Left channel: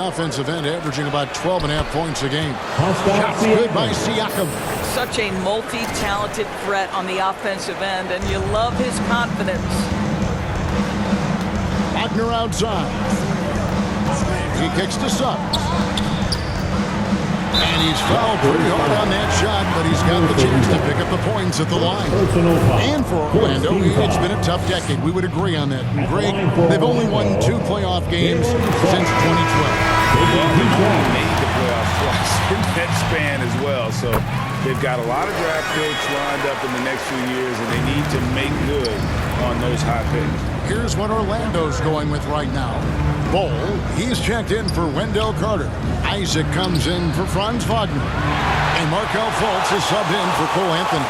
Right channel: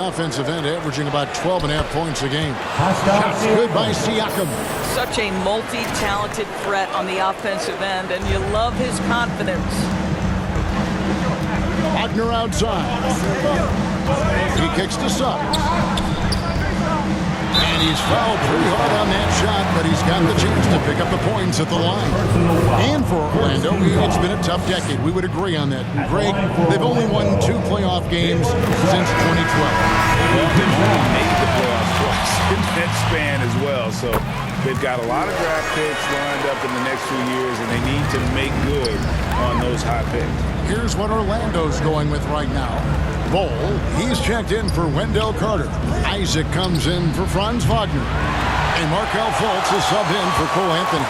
offensive end, averaging about 12.5 points a game. Shots good by Siakam. Such a multi-talented threat on the offensive end, and you love his confidence. Wagner outside. He kicks to Suggs. And he's fouled pretty hard on that shot, but he's got the chance to pick up the points at the line. And for Orlando, it's been a tough decade. We would agree on that. And Greg, they've only won 2 playoff games since 2012. Well, they've only made the playoffs twice in that span as well. So they've got a lot of draft picks lined up in the next few years, and they need to make good on those high picks. Here's what Orlando's going with right now. Bol, he's checked in for Wendell Carter. Isaac comes in for Franz Wagner. And Markelle Fultz is subbed in for Cole Anthony.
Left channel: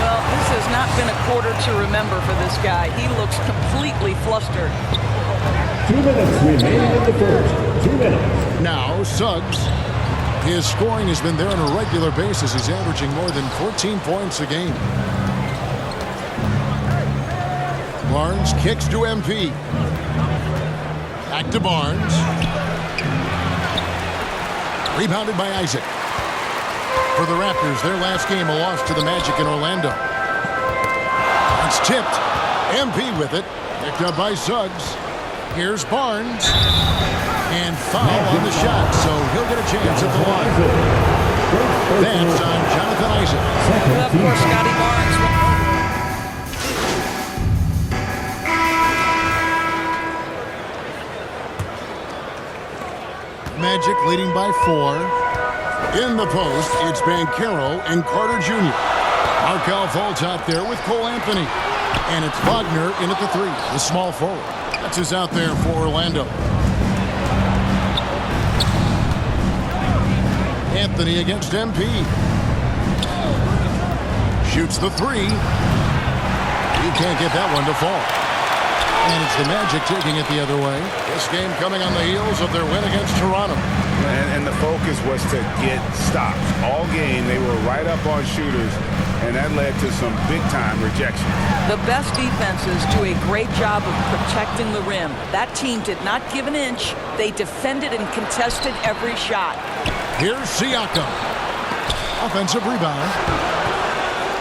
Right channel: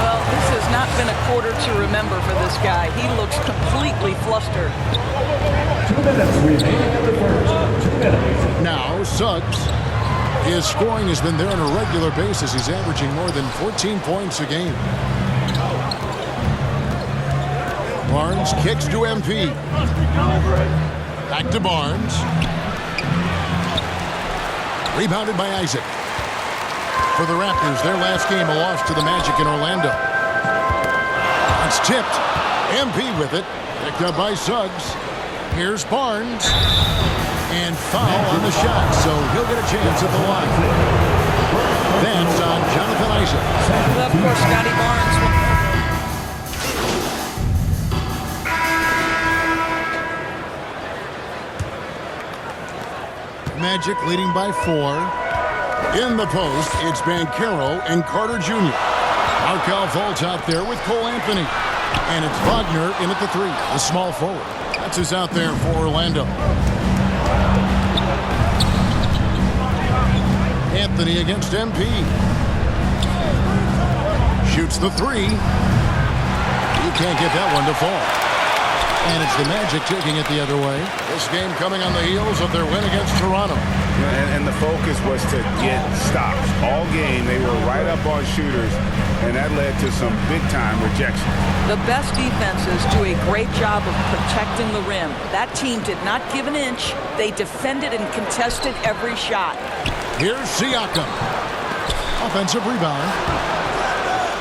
Well, this has not been a quarter to remember for this guy. He looks completely flustered. 2 minutes remaining in the first. 2 minutes. Now, Suggs. His scoring has been there on a regular basis. He's averaging more than 14 points a game. Barnes kicks to MP. Back to Barnes. Rebounded by Isaac. For the Raptors, their last game, a loss to the Magic in Orlando. It's tipped. MP with it. Picked up by Suggs. Here's Barnes. And foul on the shot, so he'll get a chance at the line. That's on Jonathan Isaac. Well, of course, Scotty Barnes. Magic leading by 4. In the post, it's Banchero and Carter Jr. Markelle Fultz out there with Cole Anthony. And it's Wagner in at the 3, the small forward. That's who's out there for Orlando. Anthony against MP. Shoots the 3. He can't get that one to fall. And it's the Magic taking it the other way. This game coming on the heels of their win against Toronto. And the focus was to get stops. All game, they were right up on shooters, and that led to some big-time rejections. The best defenses do a great job of protecting the rim. That team did not give an inch. They defended and contested every shot. Here's Siakam. Offensive rebound.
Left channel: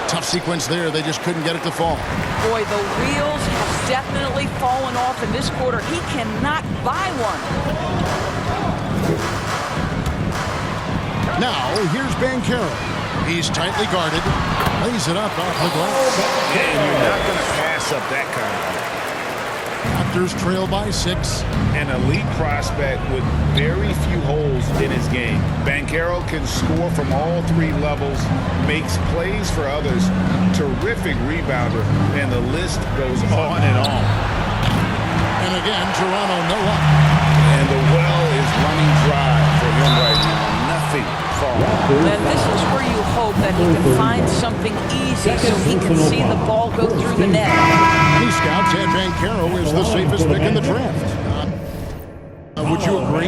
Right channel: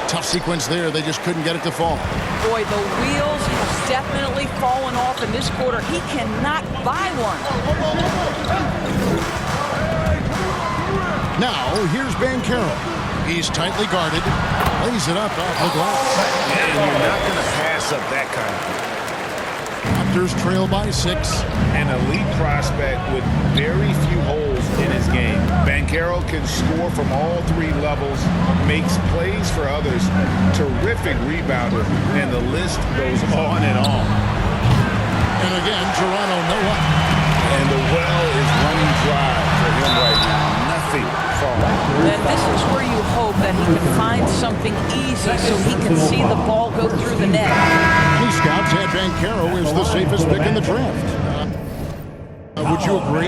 Tough sequence there. They just couldn't get it to fall. Boy, the wheels have definitely fallen off in this quarter. He cannot buy one. Now, here's Banchero. He's tightly guarded. Lays it up off the glass. And you're not going to pass up that kind of play. Raptors trail by 6. An elite prospect with very few holes in his game. Banchero can score from all 3 levels, makes plays for others, terrific rebounder, and the list goes on and on. And again, Toronto no up. And the well is running dry for him right now. Nothing falling. And this is where you hope that he can find something easy so he can see the ball go through the net. Many scouts had Banchero as the safest pick in the draft. Would you agree?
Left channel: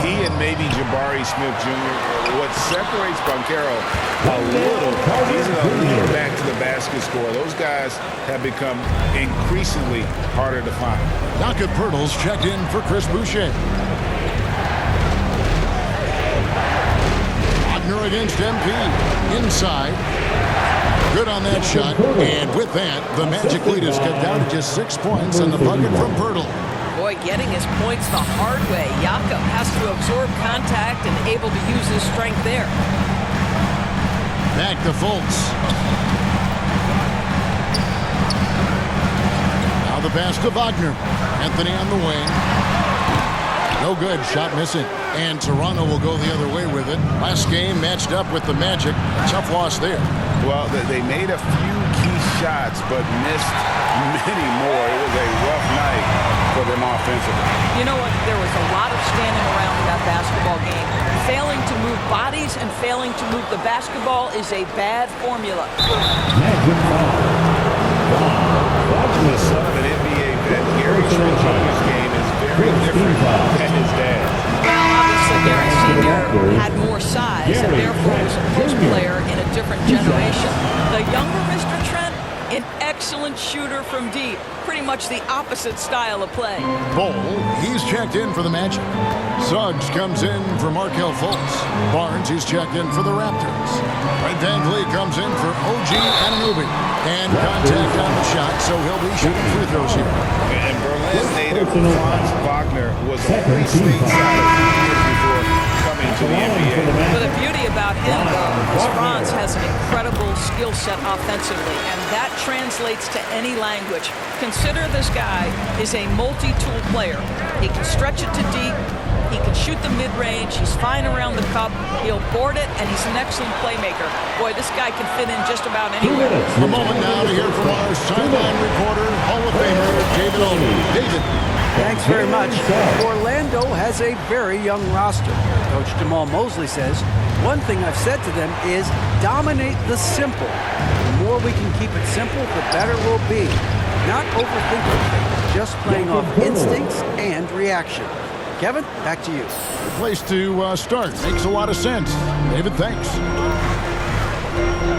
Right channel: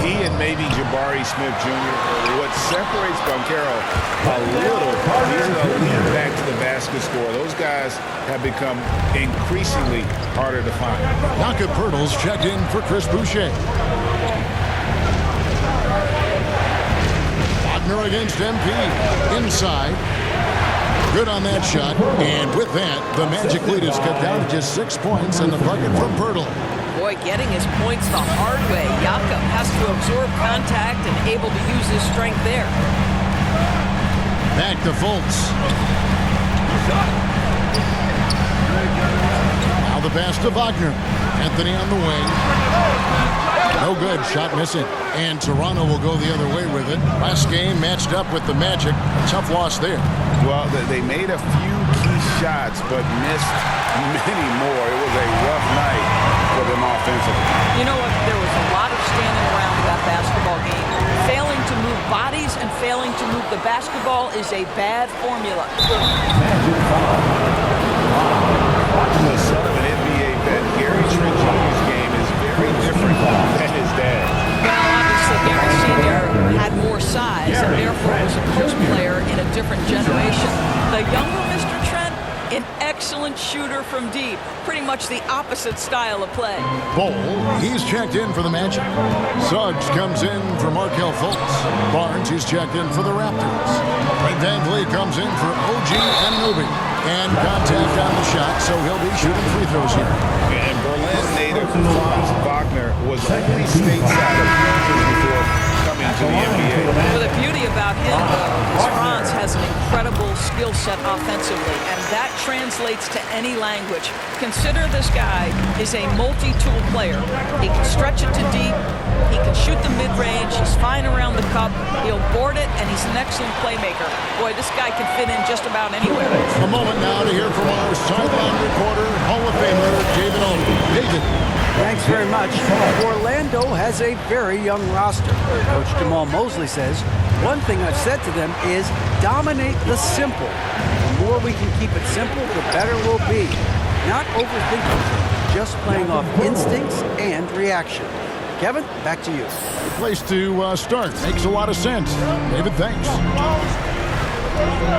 He and maybe Jabari Smith Jr. What separates Banchero a little, he's an elite back to the basket scorer. Those guys have become increasingly harder to find. Jakob Poeltl's checked in for Chris Boucher. Wagner against MP. Inside. Good on that shot. And with that, the Magic lead is cut down to just 6 points and the bucket from Poeltl. Boy, getting his points the hard way. Jakob has to absorb contact and able to use his strength there. Back to Fultz. Now the pass to Wagner. Anthony on the wing. No good. Shot missing. And Toronto will go the other way with it. Last game matched up with the Magic. A tough loss there. Well, they made a few key shots, but missed many more. It was a rough night for them offensively. You know what? There was a lot of standing around in that basketball game. Failing to move bodies and failing to move the basketball is a bad formula. Magic foul. The son of an NBA vet, Gary Trent Jr.'s game is very different than his dad's. Well, obviously, Gary Sr. had more size and therefore was a post player in a different generation. The younger Mr. Trent, An excellent shooter from deep. Pretty much the opposite style of play. Bol, he's checked in for the Magic. Suggs comes in for Markelle Fultz. Barnes, he's checked in for the Raptors. Fred VanVleet comes in for OG Anunoby. And contact on the shot, so he'll be shooting free throws here. And Berlin native Franz Wagner was only stateside a few years before coming to the NBA. Well, the beauty about him, though, is Franz has an incredible skill set offensively, and that translates to any language. Consider this guy is a multi-tool player. He can stretch it to deep. He can shoot the mid-range. He's fine around the cup. He'll board it, and he's an excellent playmaker. Boy, this guy can fit in just about anywhere. A moment now to hear from our sideline reporter, Hall of Famer David Aldridge. David. Thanks very much. Orlando has a very young roster. Coach Jamal Mosley says, one thing I've said to them is dominate the simple. The more we can keep it simple, the better we'll be. Not overthinking things, just playing off instincts and reaction. Kevin, back to you. Good place to start. Makes a lot of sense. David, thanks.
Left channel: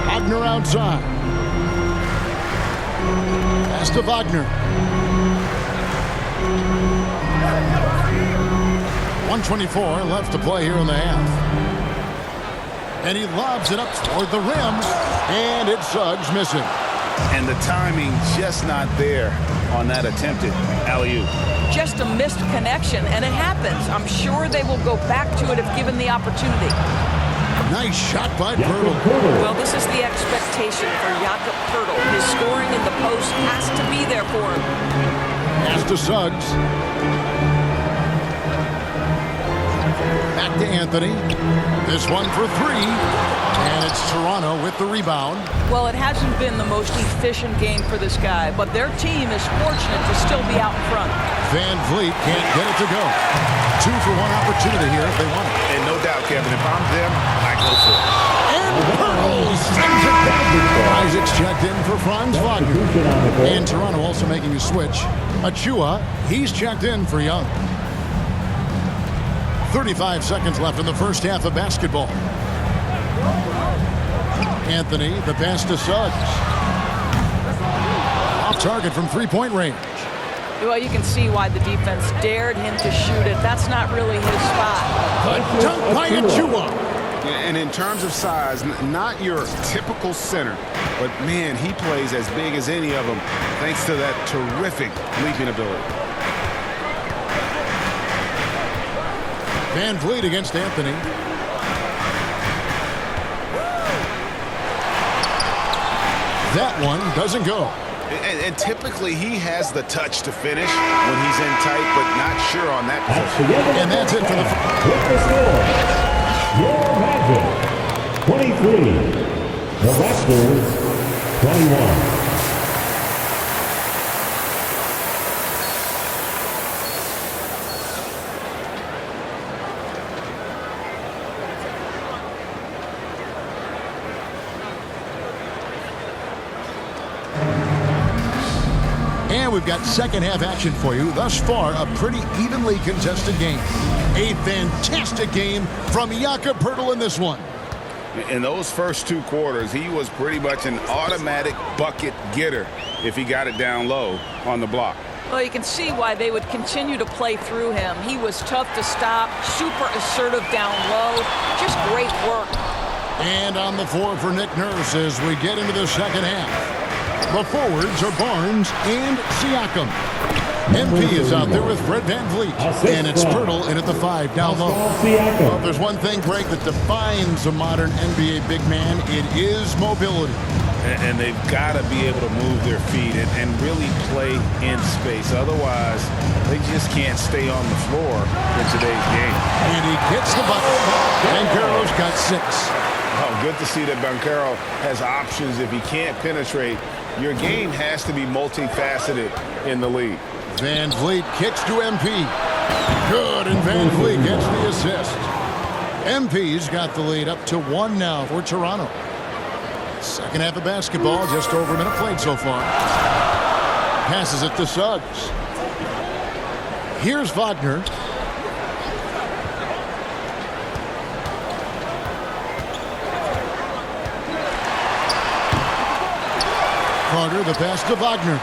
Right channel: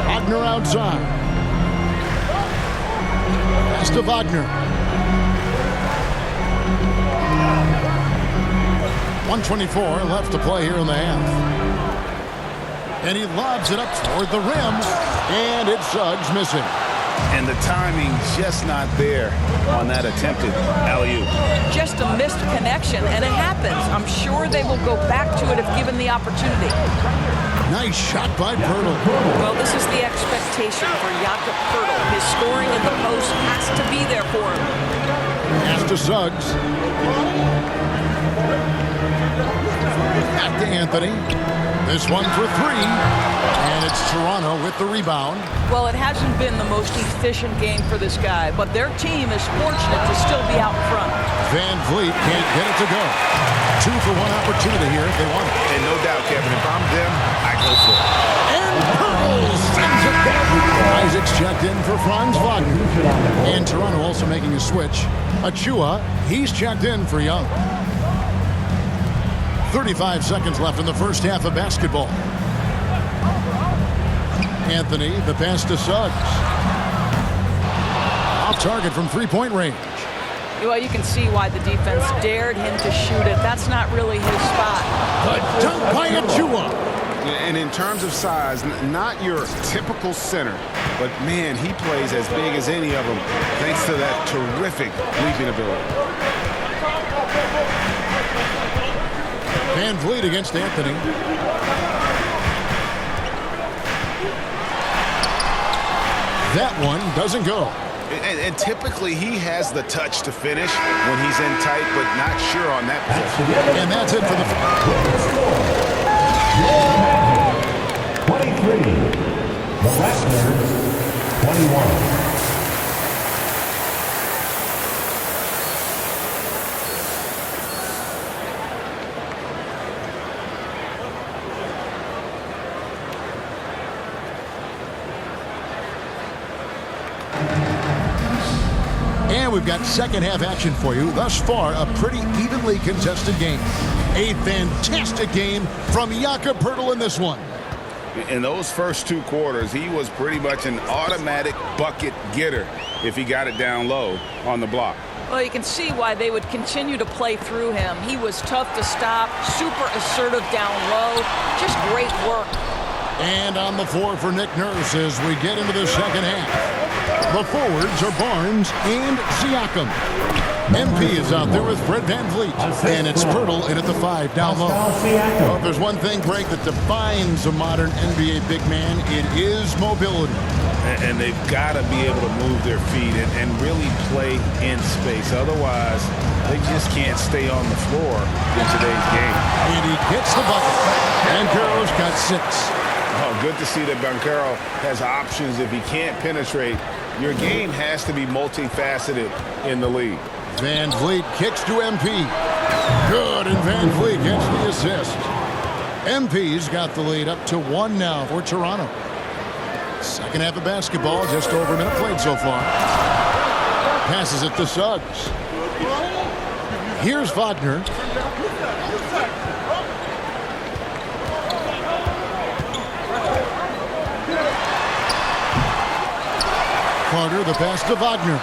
Wagner outside. Pass to Wagner. 1:24 left to play here in the half. And he lobs it up toward the rim. And it's Suggs missing. And the timing just not there on that attempted alley-oop. Just a missed connection, and it happens. I'm sure they will go back to it if given the opportunity. Nice shot by Poeltl. Well, this is the expectation for Jakob Poeltl. His scoring in the post has to be there for him. Pass to Suggs. Back to Anthony. This one for three. And it's Toronto with the rebound. Well, it hasn't been the most efficient game for this guy, but their team is fortunate to still be out in front. VanVleet can't get it to go. 2 for 1 opportunity here if they want it. And no doubt, Kevin, if I'm them, I go for it. And Poeltl sends it down. Isaac's checked in for Franz Wagner. And Toronto also making a switch. Achua, he's checked in for Young. 35 seconds left in the first half of basketball. Anthony, the pass to Suggs. Off target from three-point range. Well, you can see why the defense dared him to shoot it. That's not really his spot. The dunk by Achua. And in terms of size, not your typical center, but man, he plays as big as any of them thanks to that terrific leaping ability. VanVleet against Anthony. That one doesn't go. And typically he has the touch to finish when he's in tight, but not sure on that position. And that's it for the... Your Magic, 23. The Raptors, 21. And we've got second half action for you. Thus far, a pretty evenly contested game. A fantastic game from Jakob Poeltl in this one. In those first 2 quarters, he was pretty much an automatic bucket getter if he got it down low on the block. Well, you can see why they would continue to play through him. He was tough to stop, super assertive down low, just great work. And on the floor for Nick Nurse as we get into the second half. The forwards are Barnes and Siakam. MP is out there with Fred VanVleet. And it's Poeltl in at the 5 down low. Well, if there's one thing, Greg, that defines a modern NBA big man, it is mobility. And they've got to be able to move their feet and really play in space. Otherwise, they just can't stay on the floor in today's game. And he gets the bucket. Banchero's got 6. Oh, good to see that Banchero has options if he can't penetrate. Your game has to be multifaceted in the league. VanVleet kicks to MP. Good, and VanVleet gets the assist. MP's got the lead up to 1 now for Toronto. Second half of basketball, just over a minute played so far. Passes it to Suggs. Here's Wagner. Carter the pass to Wagner.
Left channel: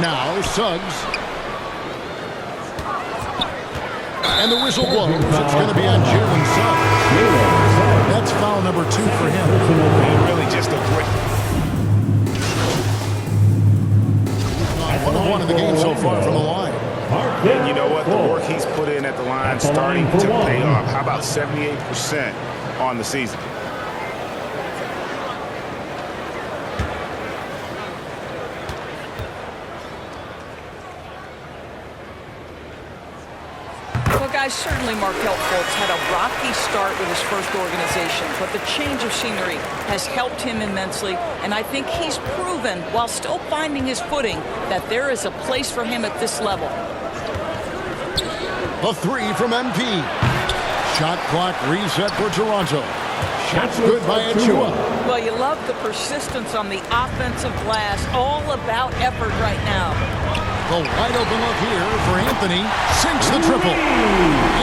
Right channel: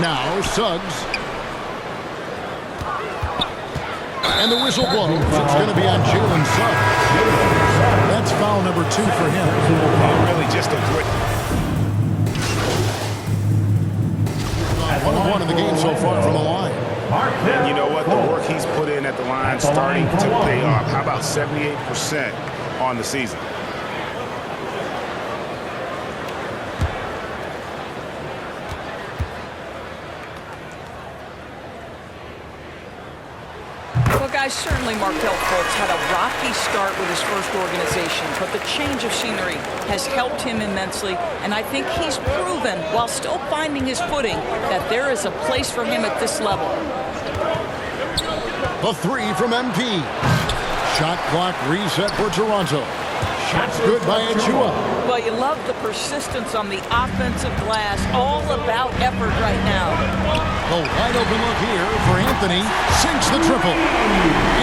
Now Suggs. And the whistle blows. It's going to be on Jalen Suggs. That's foul number 2 for him. And really just a great... 1 of 1 in the game so far from the line. And you know what? The work he's put in at the line starting to pay off. How about 78% on the season? Well, guys, certainly Markelle Fultz had a rocky start with his first organization, but the change of scenery has helped him immensely, and I think he's proven, while still finding his footing, that there is a place for him at this level. The 3 from MP. Shot clock reset for Toronto. Shots good by Achua. Well, you love the persistence on the offensive glass. All about effort right now. The wide open look here for Anthony. Sinks the triple.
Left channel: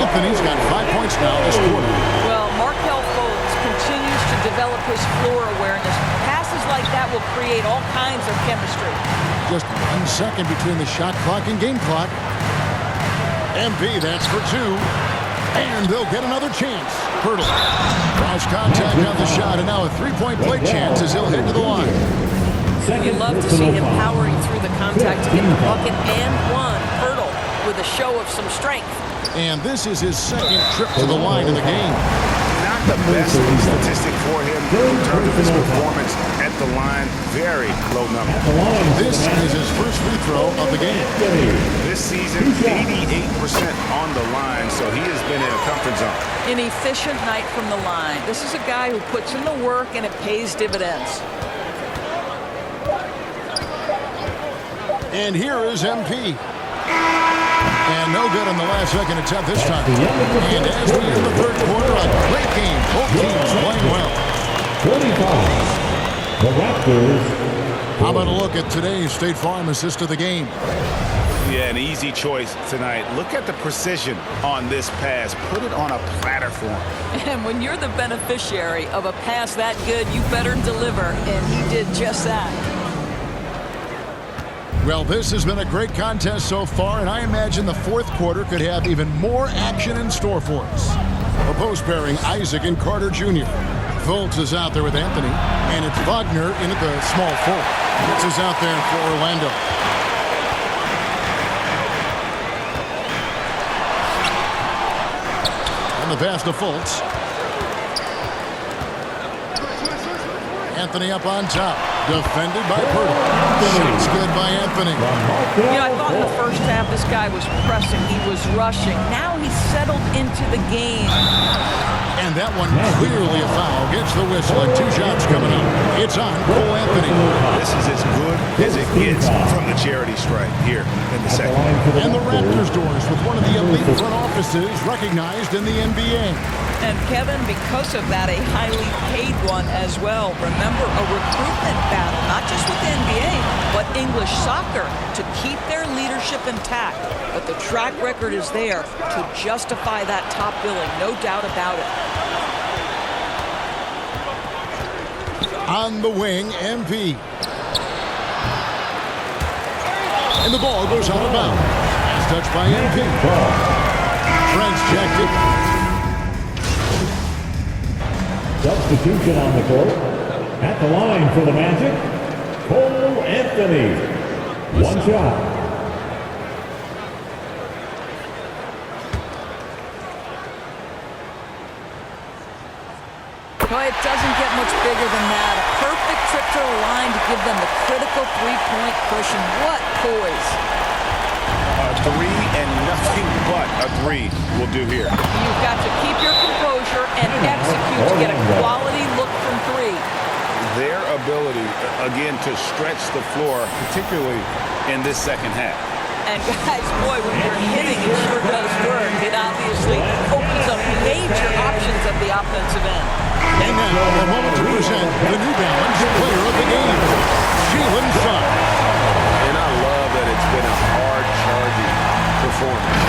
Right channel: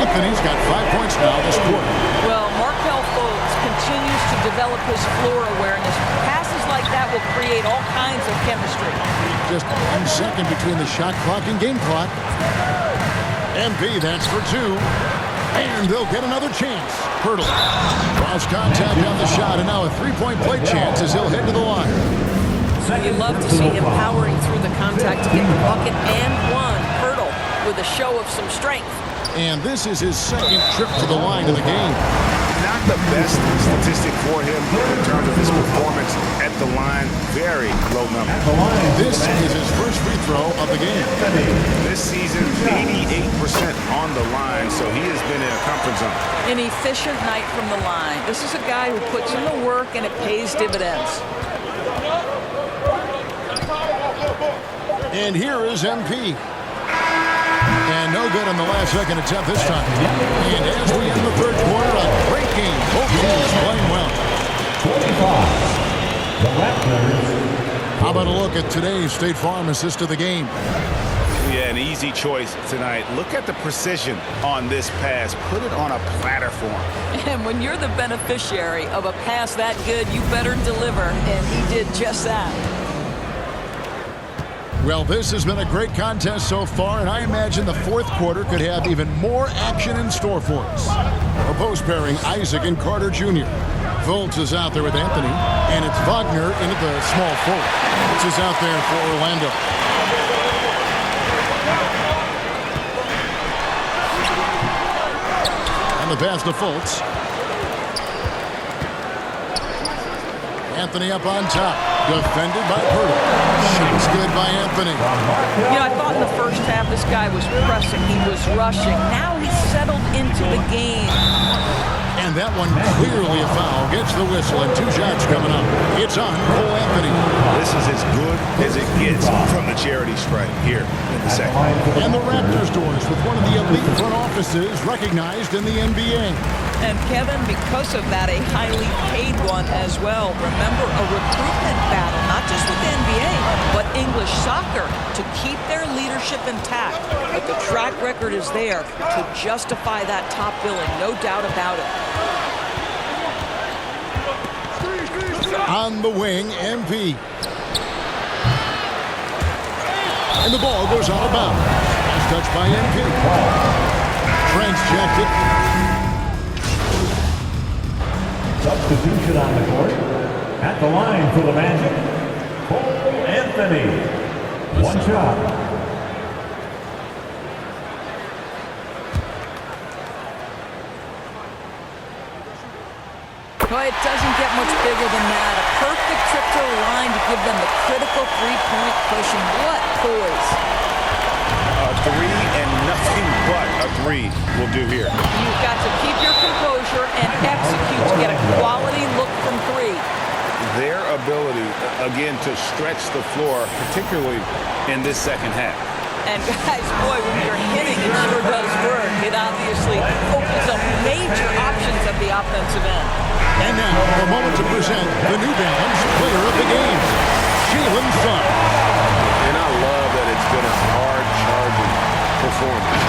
Anthony's got 5 points now this quarter. Well, Markelle Fultz continues to develop his floor awareness. Passes like that will create all kinds of chemistry. Just 1 second between the shot clock and game clock. MP, that's for 2. And they'll get another chance. Hurdle. Cross contact on the shot, and now a 3-point play chance as he'll head to the line. You love to see him powering through the contact to get the bucket and one. Hurdle with a show of some strength. And this is his second trip to the line in the game. Not the best statistic for him in terms of his performance at the line. Very low number. This is his first free throw of the game. This season, 88% on the line, so he has been in a comfort zone. An efficient night from the line. This is a guy who puts in the work and it pays dividends. And here is MP. And no good on the last second attempt this time. And as we end the third quarter, a great game. Both teams playing well. 25. The Raptors. How about a look at today's State Farm assist of the game? Yeah, an easy choice tonight. Look at the precision on this pass. Put it on a platter for him. And when you're the beneficiary of a pass that good, you better deliver. And he did just that. Well, this has been a great contest so far, and I imagine the fourth quarter could have even more action in store for us. A post pairing, Isaac and Carter Jr. Fultz is out there with Anthony, and it's Wagner in at the small forward. Fultz is out there for Orlando. And the pass to Fultz. Anthony up on top. Defended by Purtle. Shots good by Anthony. You know, I thought in the first half this guy was pressing. He was rushing. Now he's settled into the game. And that one clearly a foul. Gets the whistle and 2 shots coming up. It's on Cole Anthony. This is as good as it gets from the charity stripe here in the second. And the Raptors doors with one of the elite front offices recognized in the NBA. And Kevin, because of that, a highly paid one as well. Remember, a recruitment battle, not just with the NBA, but English soccer to keep their leadership intact. But the track record is there to justify that top billing, no doubt about it. On the wing, MP. And the ball goes out of bounds. As touched by MP. Trent's checked it. Substitution on the court. At the line for the Magic, Cole Anthony. 1 shot. Well, it doesn't get much bigger than that. A perfect trip to the line to give them the critical 3-point cushion. What poise. A 3 and nothing but a 3 will do here. You've got to keep your composure and execute to get a quality look from 3. Their ability, again, to stretch the floor, particularly in this second half. And guys, boy, when you're hitting, it sure does work. It obviously opens up major options at the offensive end. And now, a moment to present the New Balance Player of the Game, Jalen Suggs. And I love that it's been a hard-charging performance.